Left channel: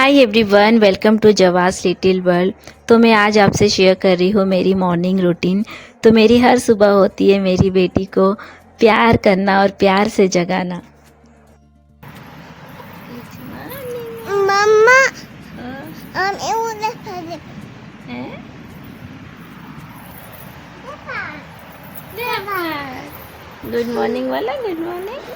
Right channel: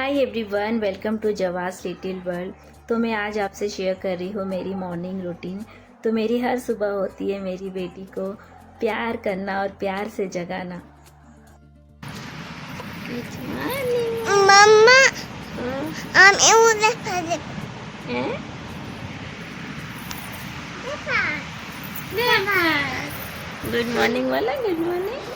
Hi everyone, welcome to जवास little world. तो मैं आज आपसे शेयर कर रही हूँ मेरी मॉर्निंग रूटीन। तो मेरी हर सुबह होती है मेरी बेटी को प्यार करना और प्यार से जगाना। मम्मा ये उधर खा गुड मॉर्निंग वाला, गुड मॉर्निंग।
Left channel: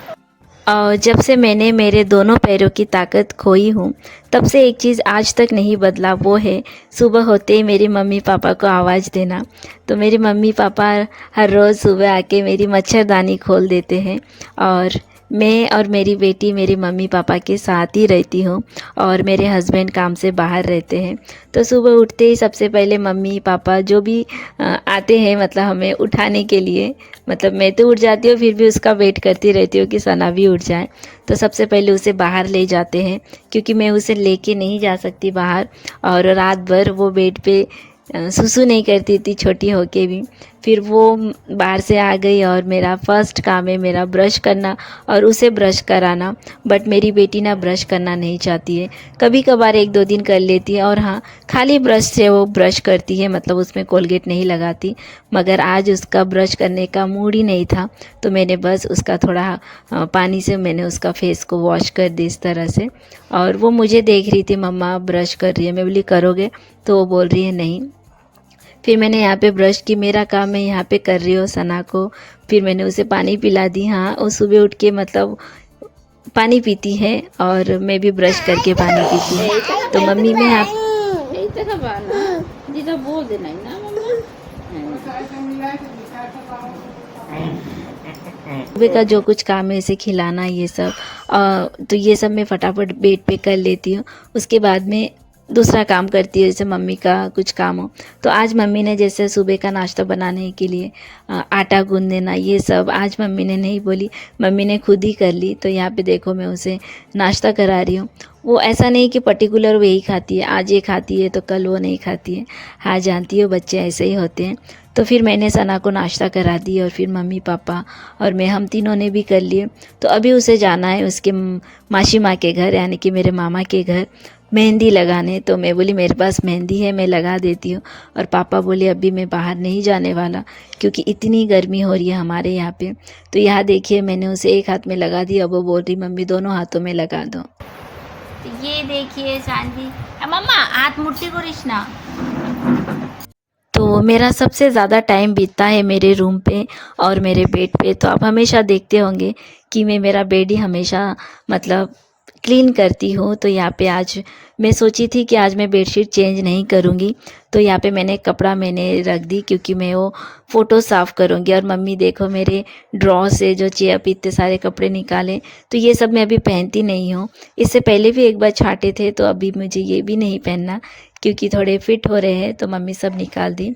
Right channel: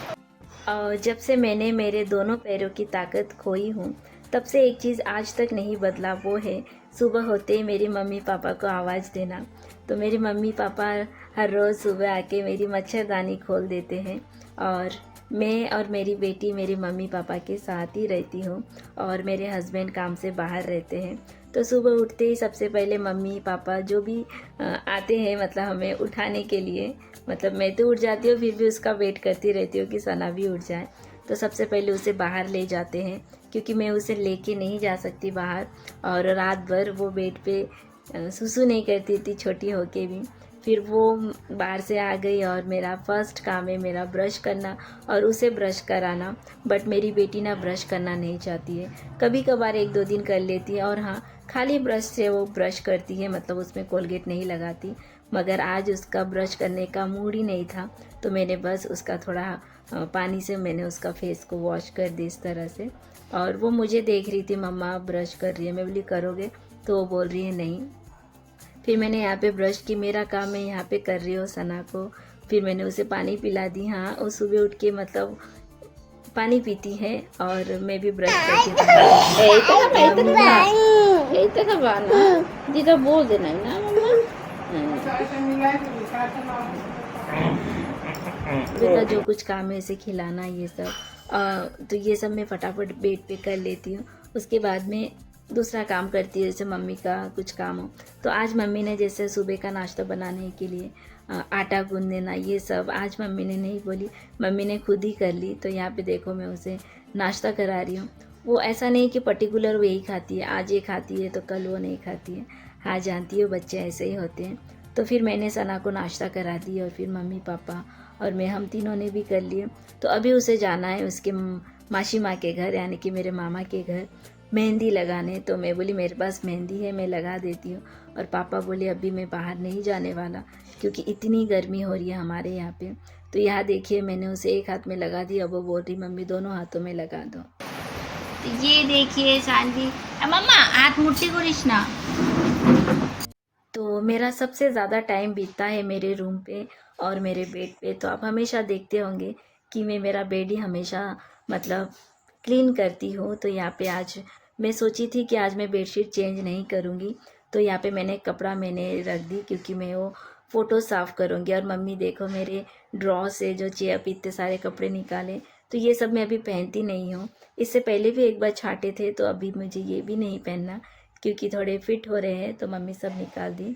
और जब से मैंने मेरे दोनों पैरों की ताकत खोई हूँ तब से एक चीज़ आज तक नहीं बदला, वो है सुबह होते ही मेरी मम्मी पापा को आवाज़ देना। तो मेरी मम्मी पापा हर रोज़ सुबह आके मेरी मच्छरदानी खोल देते हैं और मैं और मेरी बेटी मेरी मम्मी पापा के साथ ही रहती हूँ और मेरे हस्बैंड काम से बाहर रहते हैं। तो सुबह उठते ही सबसे पहले मम्मी पापा जो भी आते हैं, मतलब हमें उठाने के लिए, मतलब मैं तो उठ जाती हूँ फिर भी उसका वेट करती रहती हूँ कि सना भी उठ जाए। तो सबसे पहले उसे बाहर ले जाते हैं क्योंकि मैं उसे लेके नहीं जा सकती बाहर, और रात भर वो बेड पे सुसु नहीं करती थी छोटी होके भी। फिर वो बाहर से आ गई और मेरा फर्स्ट काम है मेरा ब्रश करना और उसे ब्रश कराना। बट मेरी बेटी ना ब्रश करना नहीं चाहती है, कभी कभार एक दो दिन कर लेती है और हाँ, खाली ब्रश से वो ब्रश करती है, मतलब उसमें कोलगेट नहीं लगाती। मगर आज उसका ब्रश करने का मूड ही नहीं था, तो मैंने बस उसका थोड़ा पानी से मैंने उसका फेस को वॉश कर दी इस तरह से। और वो मुझे देख रही थी, मम्मा ब्रश कर रही है, मैं बोली करोगे? तो वो बोल रही है नहीं। फिर मैंने यहाँ पे ब्रश की, मेरा काम मैं यहाँ पे कर रही हूँ सना को। फिर मैंने उसे पानी पिला दी। हाँ, वो सुबह उठ के मतलब पानी पीती है और मैं भी ब्रश करके पानी पीती हूँ। तो मम्मी में बोल देना है ना सुबह का जो कुछ काम है इसे खिलाना, ये सब तो ये सब मैं फटाफट बेड पे कर लेती हूँ। उसके बाद में दूसरा काम करती है, जैसे मम्मी का कुछ काम हो। तो आज मम्मी ने जैसे सुबह का नाश्ता बनाने के लिए आटा गूंद देना, ये सब आज मम्मी ने नहीं बोली, मम्मी ने खुद ही कर ली। तो यहाँ पे देखो मैं उसे नाश्ता करा रही हूँ। वो ऐसा नहीं कि पर्टिकुलर वो यही खाती है, आज ये खाती है तो कल वो नहीं खाती है। हाँ, जानती हो बच्चे ऐसे ही होते हैं। तो फिर मैंने सना को नाश्ता करा दी और फिर मम्मी पापा और मैं, हम तीनों ने भी कर लिए। तो अभी उसे जाना है उसके मासी माँ के घर, यानी कि मेरे मामा के घर मेहंदी लगाने। तो मैं बोली मेरे पास मेहंदी है, मैं लगा देती हूँ। और पापा बोले अभी मैं बाहर नहीं जाने वाला क्योंकि इतनी गर्मी हो रही है हमारे यहाँ पे। तो यहाँ देखिए मैंने उसे एक हाथ में लगा दी, अब वो बोल रही मम्मी दोनों हाथों में लगा दो। तो ये देखिए सांजी, मम्मा हाथ मुट्ठी को रिश्ना। तो मेरा सबसे ज़्यादा टाइम बीतता है मेरे रूम पे और मेरे बेड पे। तो आप हमेशा देखते होंगे कि मैं मेरा बेड ही हमेशा मतलब क्लीन करती हूँ। तो यहाँ पे आज मैं सोची थी कि आज मैं बेडशीट चेंज नहीं करूँगी। तो यहाँ पे मैंने रख दी क्योंकि मैं वो फ़ोटो साफ़ करूँगी। और मम्मी देखो मेरे ड्रॉ से जो चेयर पे इतने सारे कपड़े निकाले, तो ये सब मैं अभी पहनती नहीं हूँ। इससे पहले भी एक बार छांटे थे, तो अभी मुझे ये भी नहीं पहनना क्योंकि थोड़े फिट हो रहे हैं। तो मम्मी सब निकाल दी।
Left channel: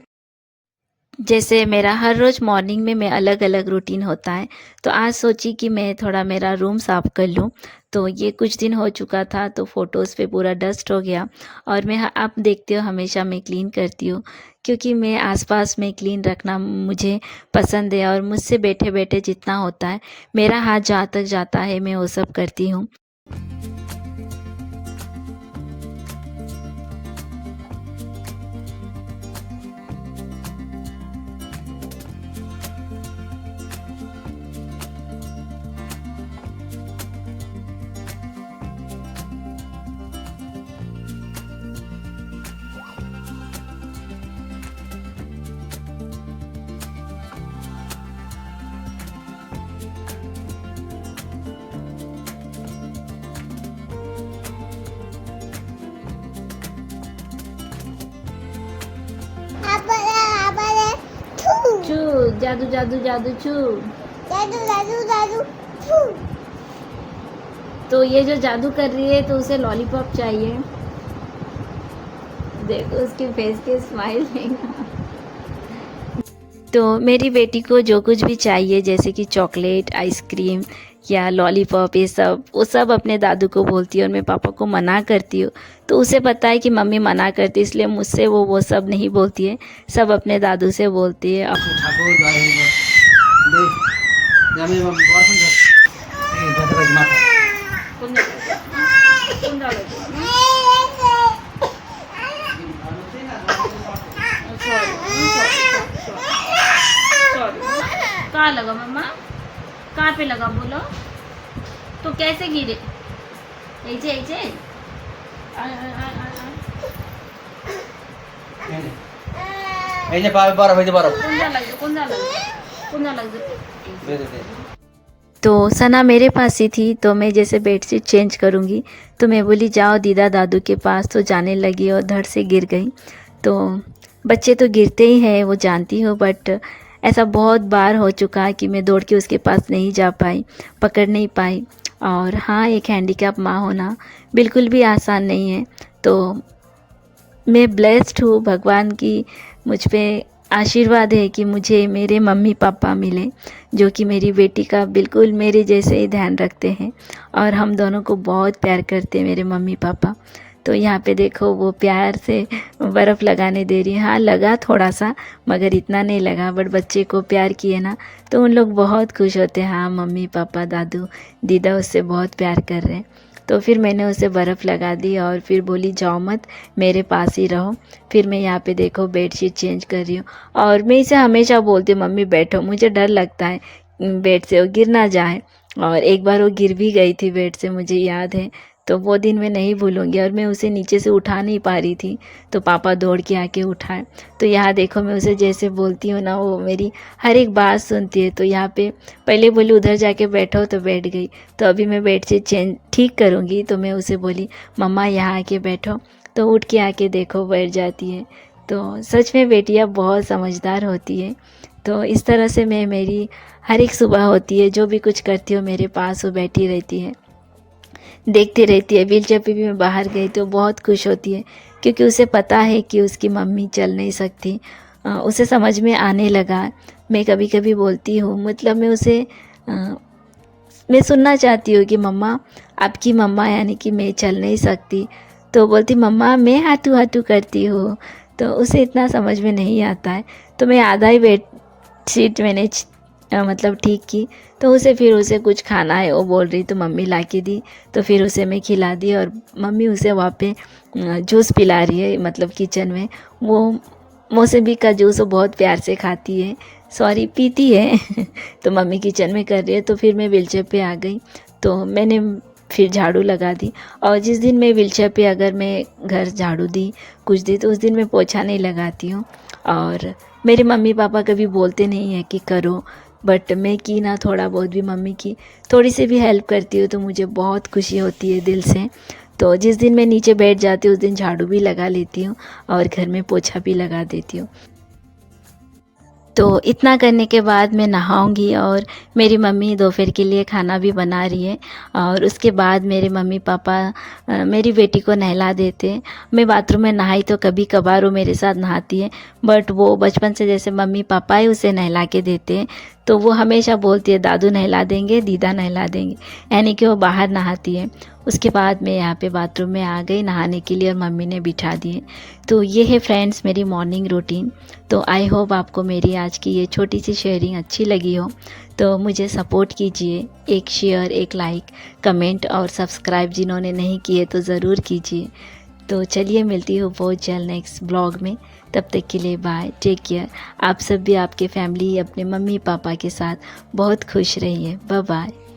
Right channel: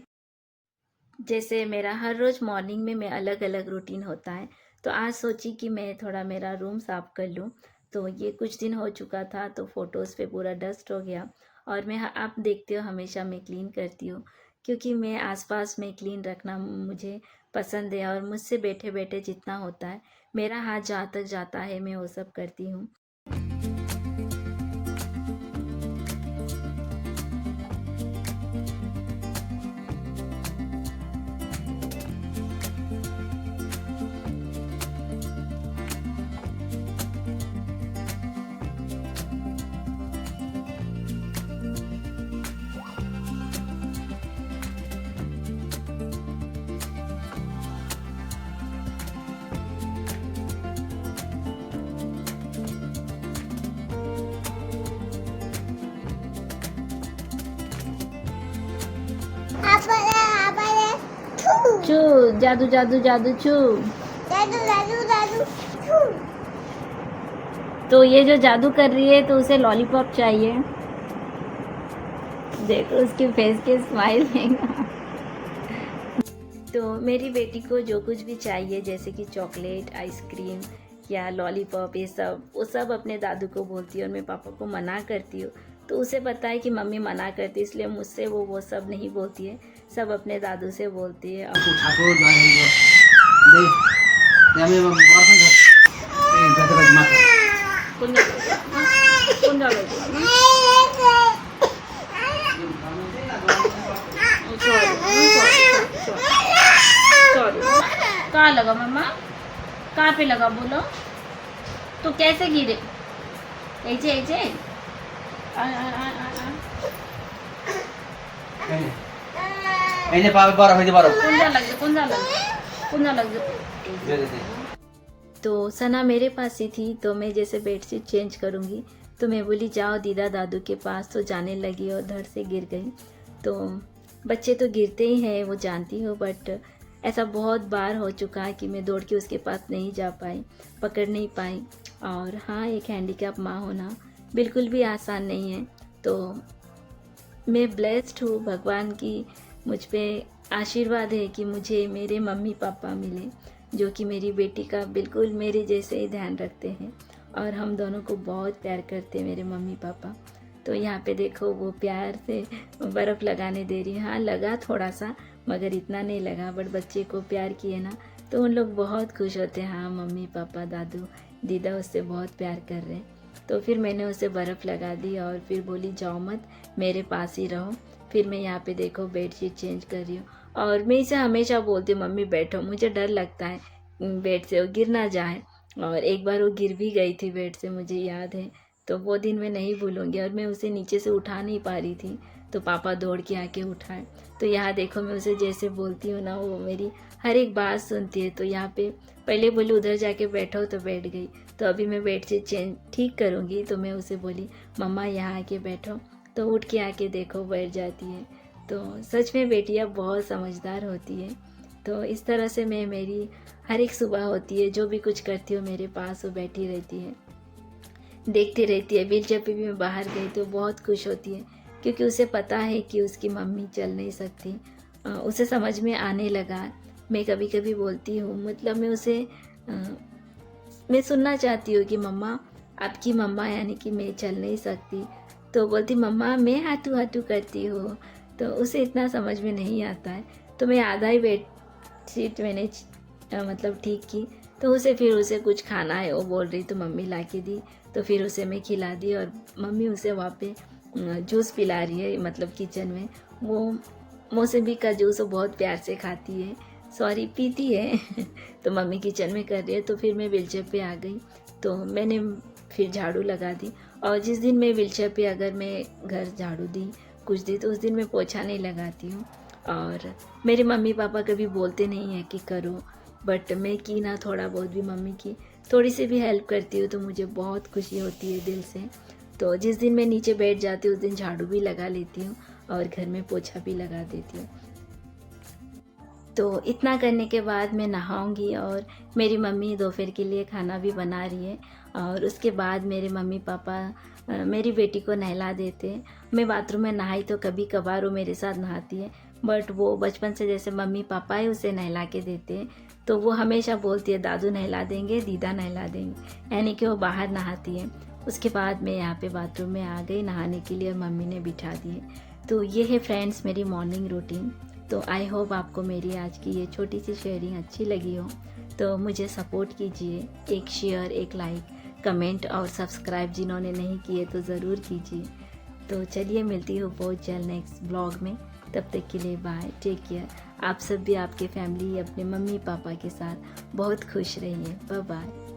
जैसे मेरा हर रोज़ मॉर्निंग में मैं अलग अलग रूटीन होता है, तो आज सोची कि मैं थोड़ा मेरा रूम साफ़ कर लूँ। तो ये कुछ दिन हो चुका था तो फ़ोटोज़ पे पूरा डस्ट हो गया। और मैं, आप देखते हो हमेशा मैं क्लीन करती हूँ क्योंकि मैं आसपास में क्लीन रखना मुझे पसंद है। और मुझसे बैठे बैठे जितना होता है, मेरा हाथ जहाँ तक जाता है मैं वो सब करती हूँ। चू जादू जादू जादू चू। जादू जादू जादू छू। तो ये जो जादू कर रही है तो उसे लॉलीपॉप चाहिए। देखो उसके फेस के स्माइल देखो। तो मेरी बेटी को जो कुछ भी चाहिए, जैसे कि चॉकलेट, आइसक्रीम या लॉलीपॉप, ये सब वो सब अपने दादू को बोलती है और मैं पापा को मना करती हूँ। तो उसे पता है कि मम्मी मना करती है, इसलिए मुझसे वो सब नहीं बोलती है, सब अपने दादू से बोलती है। कहाँ लगा मम्मा? कहाँ पे लगा बोलो? तो कैसे गिरे? ऐसे ऐसे? आय, आय, आय, आय, आय। এই যে বড় হইতে পারো कौन सा लग तो सना मेरे पास ही थी, तो मैं जैसे बेडशीट चेंज करूँगी तो मैं बोली जाओ दीदा दादू के पास, तो जाने लगी और धड़ से गिर गई। तो बच्चे तो गिरते ही हैं, वो जानती हूँ, बट ऐसा बहुत बार हो चुका है कि मैं दौड़ के उसके पास नहीं जा पाई, पकड़ नहीं पाई। और हाँ, एक हैंडीकैप माँ होना बिल्कुल भी आसान नहीं है। तो मैं ब्लेस्ड हूँ, भगवान की मुझ पे आशीर्वाद है कि मुझे मेरे मम्मी पापा मिले, जो कि मेरी बेटी का बिल्कुल मेरे जैसे ही ध्यान रखते हैं और हम दोनों को बहुत प्यार करते हैं मेरे मम्मी पापा। तो यहाँ पे देखो वो प्यार से बर्फ़ लगाने दे रही है। हाँ, लगा थोड़ा सा, मगर इतना नहीं लगा, बट बच्चे को प्यार किए ना तो उन लोग बहुत खुश होते हैं। हाँ, मम्मी पापा दादू दीदा उससे बहुत प्यार कर रहे हैं। तो फिर मैंने उसे बर्फ़ लगा दी और फिर बोली जाओ मत, मेरे पास ही रहो। फिर मैं यहाँ पे देखो बेडशीट चेंज कर रही हूँ और मैं इसे हमेशा बोलती हूँ मम्मी बैठो, मुझे डर लगता है बेड से वो गिर ना जाए। और एक बार वो गिर भी गई थी बेड से, मुझे याद है। तो वो दिन मैं नहीं भूलूंगी। और मैं उसे नीचे से उठा नहीं पा रही थी, तो पापा दौड़ के आके उठाए। तो यहाँ देखो मैं उसे जैसे बोलती हूँ ना, वो मेरी हर एक बात सुनती है। तो यहाँ पे पहले बोली उधर जाके बैठो, तो बैठ गई। तो अभी मैं बेडशीट चेंज ठीक करूँगी तो मैं उसे बोली मम्मा यहाँ आके बैठो, तो उठ के आके देखो बैठ जाती है। तो सच में बेटियाँ बहुत समझदार होती है। तो इस तरह से मैं मेरी हर एक सुबह होती है, जो भी कुछ करती हूँ मेरे पास वो बैठी रहती है, देखती रहती है। व्हीलचेयर पे भी मैं बाहर गई तो बहुत खुश होती है, क्योंकि उसे पता है कि उसकी मम्मी चल नहीं सकती। उसे समझ में आने लगा। मैं कभी कभी बोलती हूँ, मतलब मैं उसे मैं सुनना चाहती हूँ कि मम्मा आपकी मम्मा यानी कि मैं चल नहीं सकती, तो बोलती मम्मा मैं हाथू हाथू करती हूँ। तो उसे इतना समझ में नहीं आता है। तो मैं आधा ही बेड शीट मैंने मतलब ठीक की। तो फिर उसे कुछ खाना है वो बोल रही, तो मम्मी ला के दी। तो फिर उसे मैं खिला दी और मम्मी उसे वहाँ पे जूस पिला रही है, मतलब किचन में। वो मौसमी का जूस वो बहुत प्यार से खाती है, सॉरी पीती है। तो मम्मी किचन में कर रही है। तो फिर मैं व्हीलचेयर पे आ गई, तो मैंने फिर झाड़ू लगा दी। और जिस दिन मैं व्हीलचेयर पे अगर मैं घर झाड़ू दी कुछ दी, तो उस दिन मैं पोछा नहीं लगाती हूँ। और मेरे मम्मी पापा कभी बोलते नहीं हैं कि करो, बट मैं की ना थोड़ा बहुत भी मम्मी की थोड़ी सी भी हेल्प करती हूँ तो मुझे बहुत खुशी होती है दिल से। तो जिस दिन मैं नीचे बैठ जाती हूँ उस दिन झाड़ू भी लगा लेती हूँ और घर में पोछा भी लगा देती हूँ। तो इतना करने के बाद मैं नहाऊंगी और मेरी मम्मी दोपहर के लिए खाना भी बना रही है। और उसके बाद मेरे मम्मी पापा मेरी बेटी को नहला देते हैं। मैं बाथरूम में नहाई तो कभी कभार वो मेरे साथ नहाती है, बट वो बचपन से जैसे मम्मी पापा ही उसे नहला के देते हैं, तो वो हमेशा बोलती है दादू नहला देंगे, दीदा नहला देंगे, यानी कि वो बाहर नहाती है। उसके बाद मैं यहाँ पे बाथरूम में आ गई नहाने के लिए और मम्मी ने बिठा दिए। तो ये है फ्रेंड्स मेरी मॉर्निंग रूटीन। तो आई होप आपको मेरी आज की ये छोटी सी शेयरिंग अच्छी लगी हो। तो मुझे सपोर्ट कीजिए, एक शेयर, एक लाइक, कमेंट और सब्सक्राइब जिन्होंने नहीं किए तो ज़रूर कीजिए। तो चलिए मिलती हूँ बहुत जल्द नेक्स्ट ब्लॉग में। तब तक के लिए बाय, टेक केयर। आप सब भी आपके फैमिली अपने मम्मी पापा के साथ बहुत खुश रहिए। Bye bye.